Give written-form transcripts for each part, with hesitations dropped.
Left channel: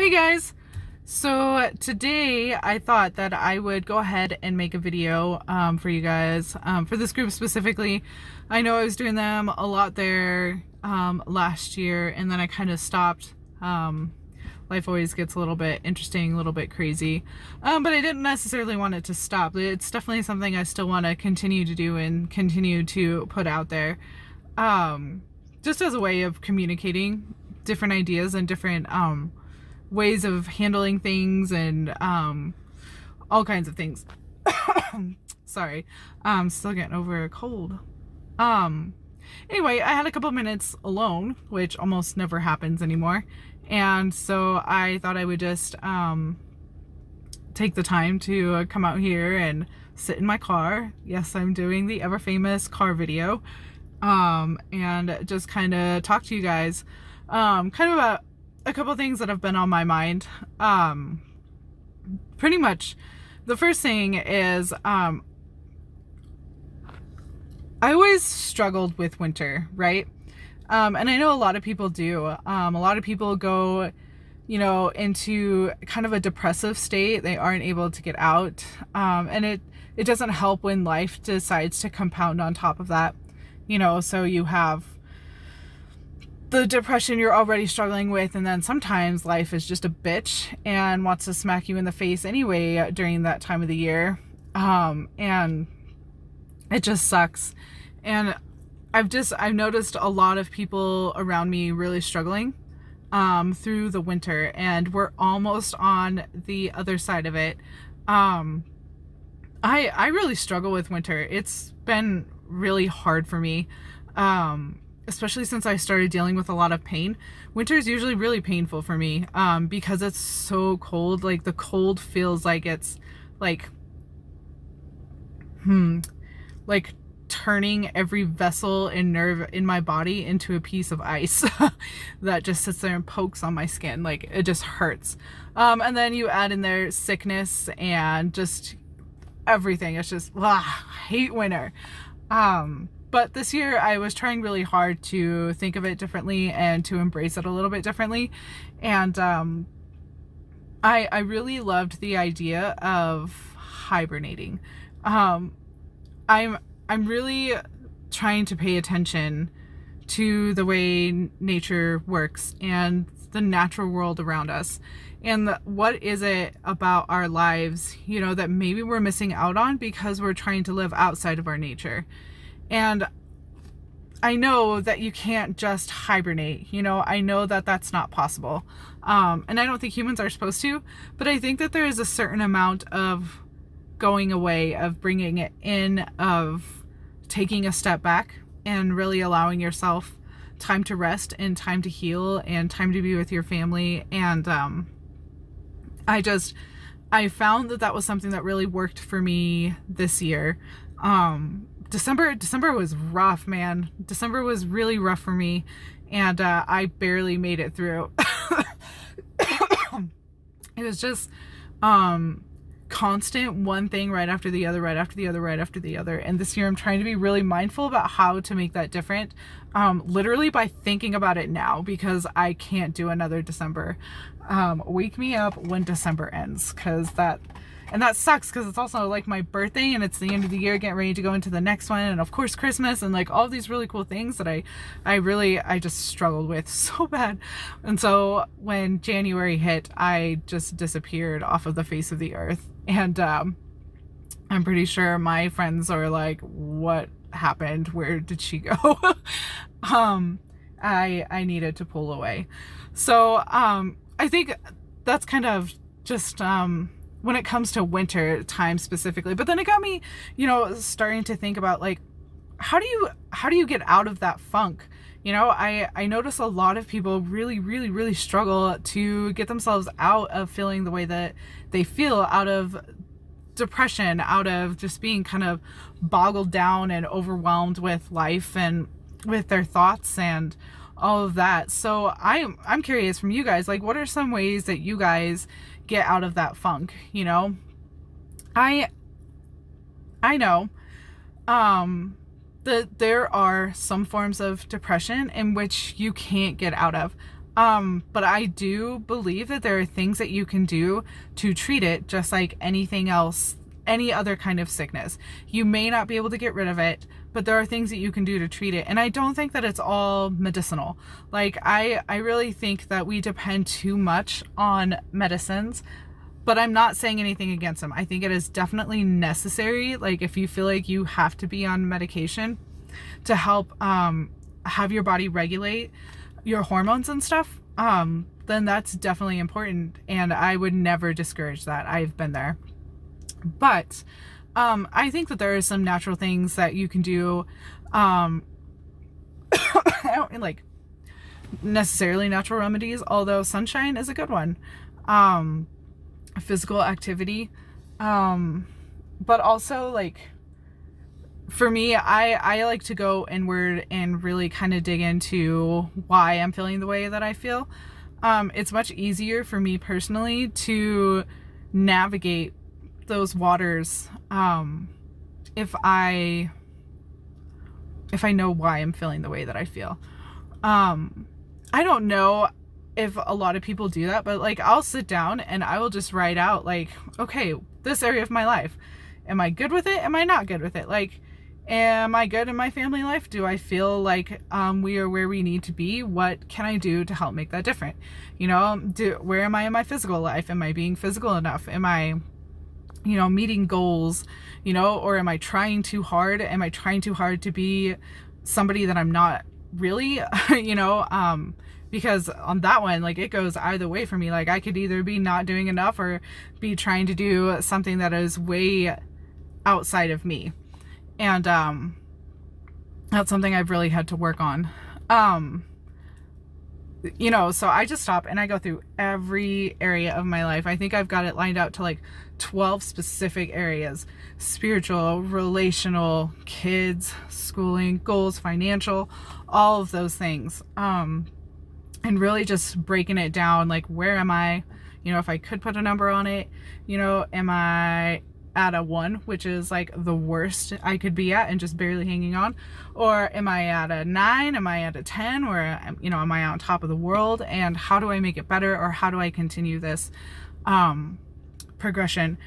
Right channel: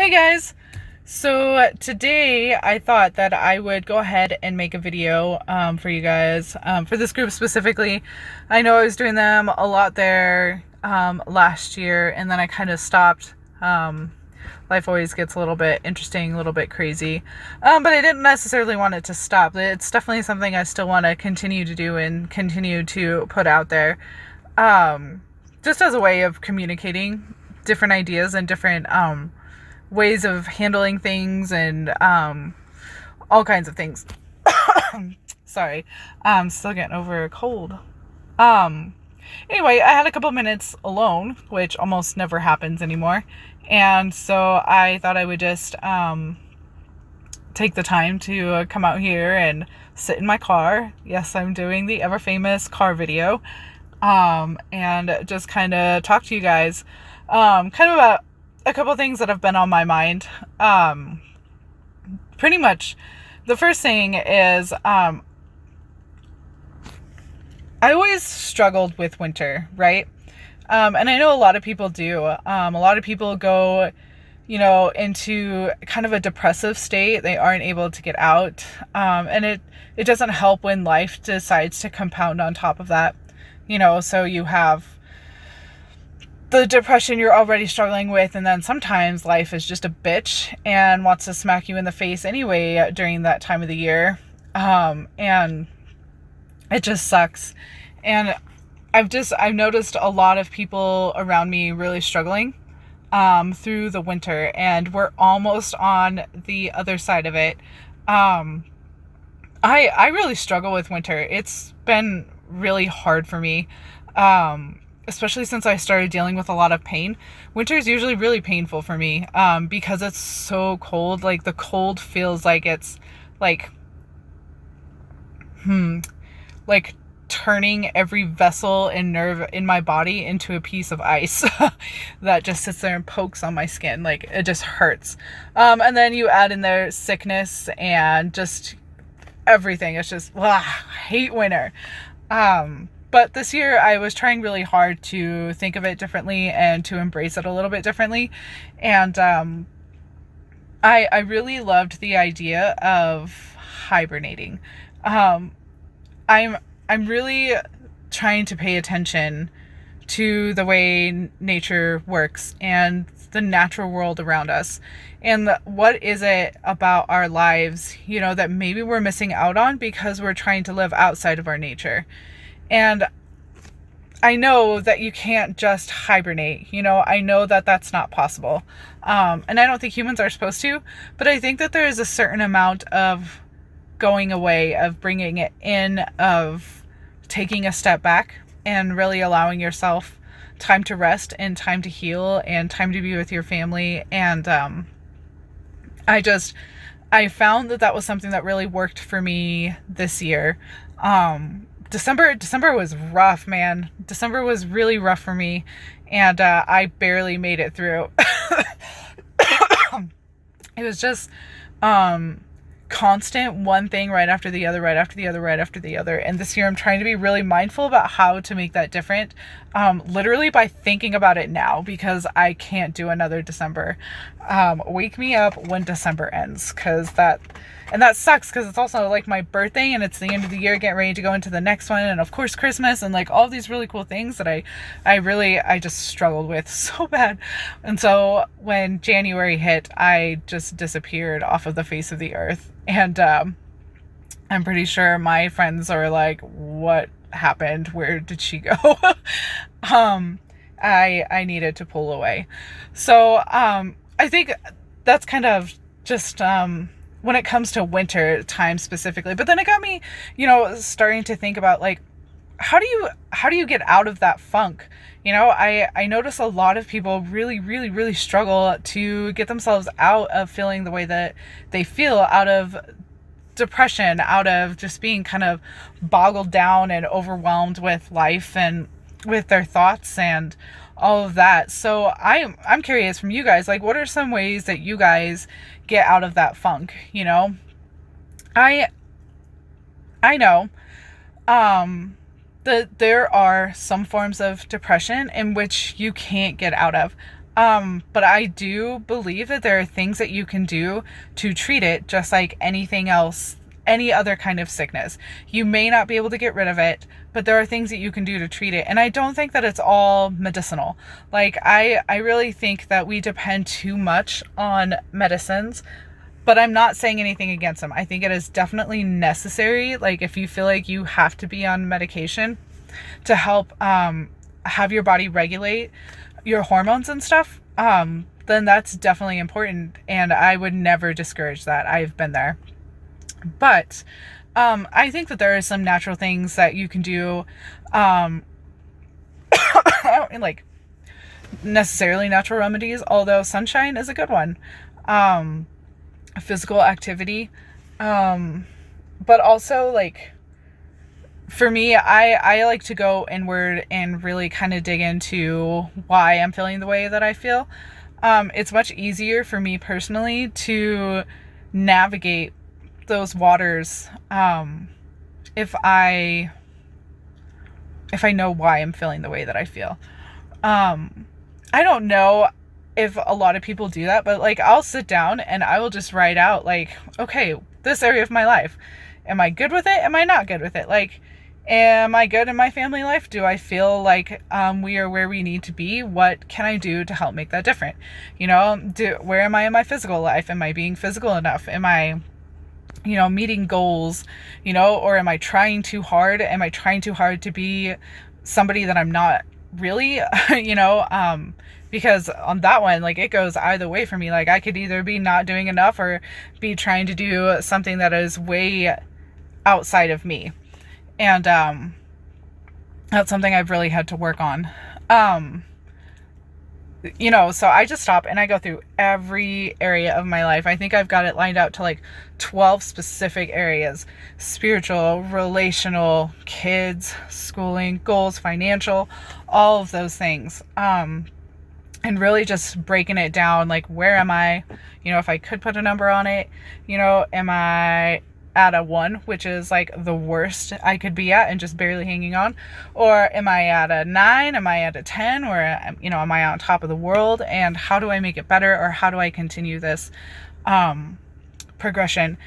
Hey guys! So today I thought that I would go ahead and make a video for you guys, for this group specifically. I know I was doing them a lot there last year, and then I kind of stopped. Life always gets a little bit interesting, a little bit crazy, but I didn't necessarily want it to stop. It's definitely something I still want to continue to do and continue to put out there, just as a way of communicating different ideas and different ways of handling things and all kinds of things. Sorry, I'm still getting over a cold. Um, anyway, I had a couple minutes alone, which almost never happens anymore. And so I thought I would just take the time to come out here and sit in my car. Yes, I'm doing the ever famous car video. And just kind of talk to you guys kind of about a couple things that have been on my mind. Pretty much the first thing is I always struggled with winter, right? And I know a lot of people do. A lot of people go, into kind of a depressive state. They aren't able to get out. And it doesn't help when life decides to compound on top of that. So you have the depression you're already struggling with, and then sometimes life is just a bitch and wants to smack you in the face anyway during that time of the year. And it just sucks. And I've noticed a lot of people around me really struggling through the winter, and we're almost on the other side of it. I really struggle with winter. It's been really hard for me. Especially since I started dealing with a lot of pain. Winter is usually really painful for me because it's so cold. Like, the cold feels like it's like turning every vessel and nerve in my body into a piece of ice that just sits there and pokes on my skin. Like, it just hurts. And then you add in there sickness and just everything. It's just, I hate winter. But this year I was trying really hard to think of it differently and to embrace it a little bit differently. And I really loved the idea of hibernating. I'm really trying to pay attention to the way nature works and the natural world around us. And what is it about our lives, that maybe we're missing out on because we're trying to live outside of our nature. And I know that you can't just hibernate, I know that that's not possible. And I don't think humans are supposed to, but I think that there is a certain amount of going away, of bringing it in, of taking a step back and really allowing yourself time to rest and time to heal and time to be with your family. And I found that was something that really worked for me this year. December was rough, man. December was really rough for me, and I barely made it through. It was just constant, one thing right after the other, right after the other, right after the other. And this year I'm trying to be really mindful about how to make that different, literally by thinking about it now, because I can't do another December. Wake me up when December ends, and that sucks because it's also like my birthday and it's the end of the year, getting ready to go into the next one. And of course, Christmas and like all these really cool things that I just struggled with so bad. And so when January hit, I just disappeared off of the face of the earth. And I'm pretty sure my friends are like, what happened? Where did she go? I needed to pull away. So I think that's kind of just when it comes to winter time specifically. But then it got me, starting to think about, like, how do you get out of that funk? I notice a lot of people really, really, really struggle to get themselves out of feeling the way that they feel, out of depression, out of just being kind of boggled down and overwhelmed with life and with their thoughts and all of that. So I'm curious from you guys, like, what are some ways that you guys get out of that funk? I know that there are some forms of depression in which you can't get out of. But I do believe that there are things that you can do to treat it just like anything else, any other kind of sickness. You may not be able to get rid of it, but there are things that you can do to treat it. And I don't think that it's all medicinal. Like I really think that we depend too much on medicines, but I'm not saying anything against them. I think it is definitely necessary. Like if you feel like you have to be on medication to help have your body regulate your hormones and stuff, then that's definitely important. And I would never discourage that. I've been there. But I think that there are some natural things that you can do. I don't like necessarily natural remedies, although sunshine is a good one. Physical activity. But also like for me, I like to go inward and really kind of dig into why I'm feeling the way that I feel. It's much easier for me personally to navigate those waters if I know why I'm feeling the way that I feel. I don't know if a lot of people do that, but like I'll sit down and I will just write out like, okay, this area of my life, am I good with it? Am I not good with it? Like, am I good in my family life? Do I feel like we are where we need to be? What can I do to help make that different? You know, where am I in my physical life? Am I being physical enough? Am I, you know, meeting goals, you know, or am I trying too hard? Am I trying too hard to be somebody that I'm not really, you know, because on that one, like it goes either way for me. Like I could either be not doing enough or be trying to do something that is way outside of me. And that's something I've really had to work on. You know, so I just stop and I go through every area of my life. I think I've got it lined out to like 12 specific areas: spiritual, relational, kids, schooling, goals, financial, all of those things. And really just breaking it down, like where am I? You know, if I could put a number on it, you know, am I at a 1, which is like the worst I could be at and just barely hanging on? Or am I at a 9? Am I at a 10? Or, you know, am I on top of the world? And how do I make it better? Or how do I continue this progression?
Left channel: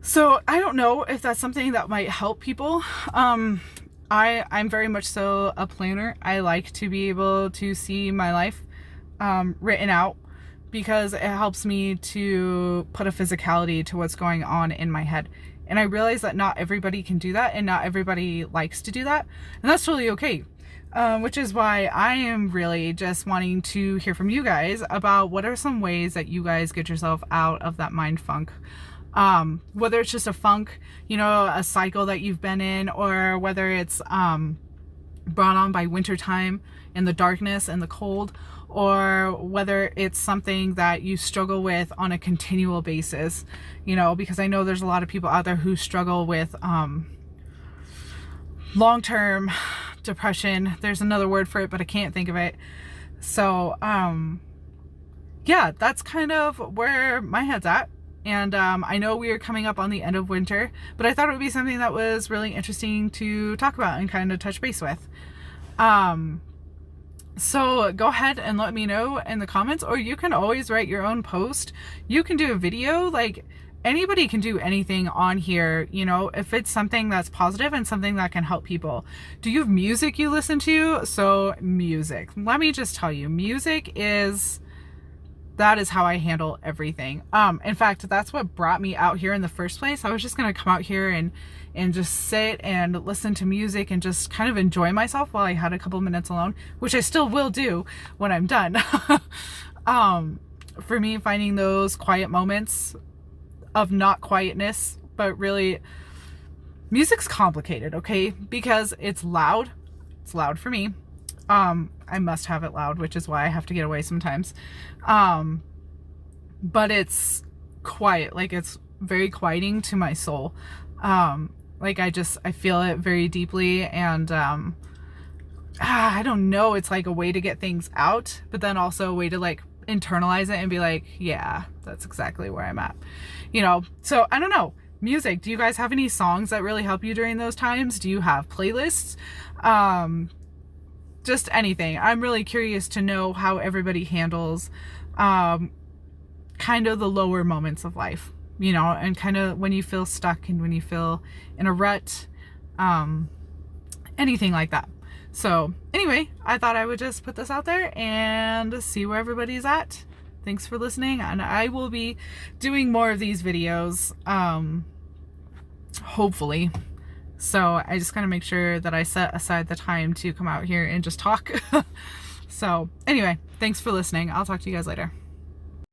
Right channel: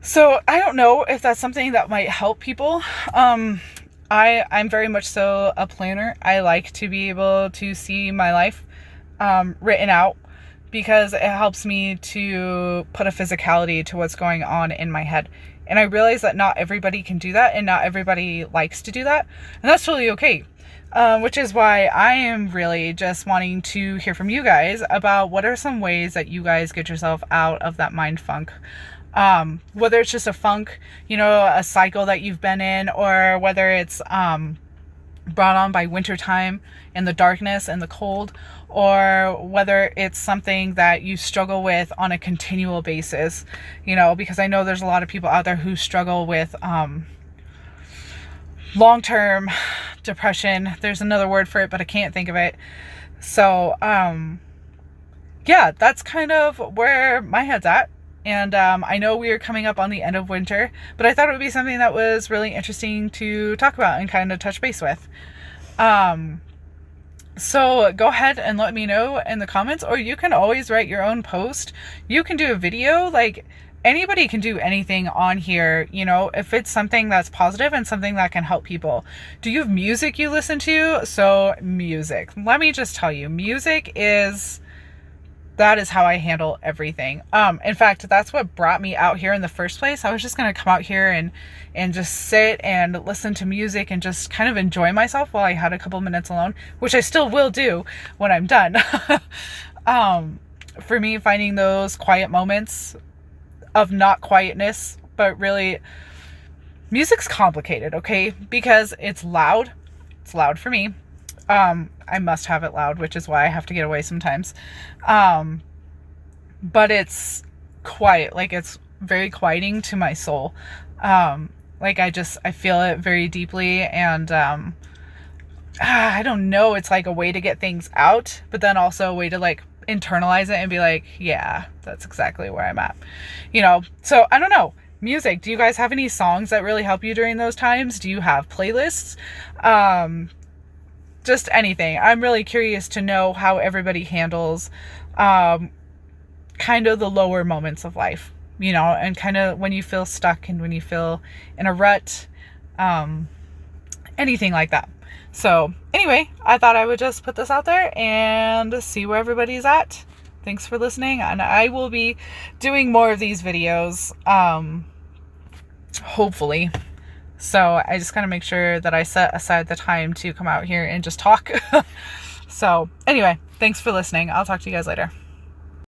So I don't know if that's something that might help people. I'm very much so a planner. I like to be able to see my life written out, because it helps me to put a physicality to what's going on in my head. And I realize that not everybody can do that, and not everybody likes to do that, and that's totally okay. Which is why I am really just wanting to hear from you guys about what are some ways that you guys get yourself out of that mind funk. Whether it's just a funk, you know, a cycle that you've been in, or whether it's brought on by wintertime and the darkness and the cold, or whether it's something that you struggle with on a continual basis, you know, because I know there's a lot of people out there who struggle with long-term depression. There's another word for it, but I can't think of it. So yeah, that's kind of where my head's at. And I know we are coming up on the end of winter, but I thought it would be something that was really interesting to talk about and kind of touch base with. So go ahead and let me know in the comments, or you can always write your own post. You can do a video. Like anybody can do anything on here, you know, if it's something that's positive and something that can help people. Do you have music you listen to? So music, let me just tell you, that is how I handle everything. In fact, that's what brought me out here in the first place. I was just going to come out here and just sit and listen to music and just kind of enjoy myself while I had a couple minutes alone, which I still will do when I'm done. For me, finding those quiet moments of not quietness, but really music's complicated, okay? Because it's loud. It's loud for me. I must have it loud, which is why I have to get away sometimes. But it's quiet. Like it's very quieting to my soul. Like I feel it very deeply, and I don't know, it's like a way to get things out, but then also a way to like internalize it and be like, yeah, that's exactly where I'm at, you know? So I don't know. Music, do you guys have any songs that really help you during those times? Do you have playlists? just anything. I'm really curious to know how everybody handles kind of the lower moments of life, you know, and kind of when you feel stuck and when you feel in a rut, anything like that. So anyway, I thought I would just put this out there and see where everybody's at. Thanks for listening, and I will be doing more of these videos, hopefully. So I just gotta make sure that I set aside the time to come out here and just talk. So anyway, thanks for listening. I'll talk to you guys later.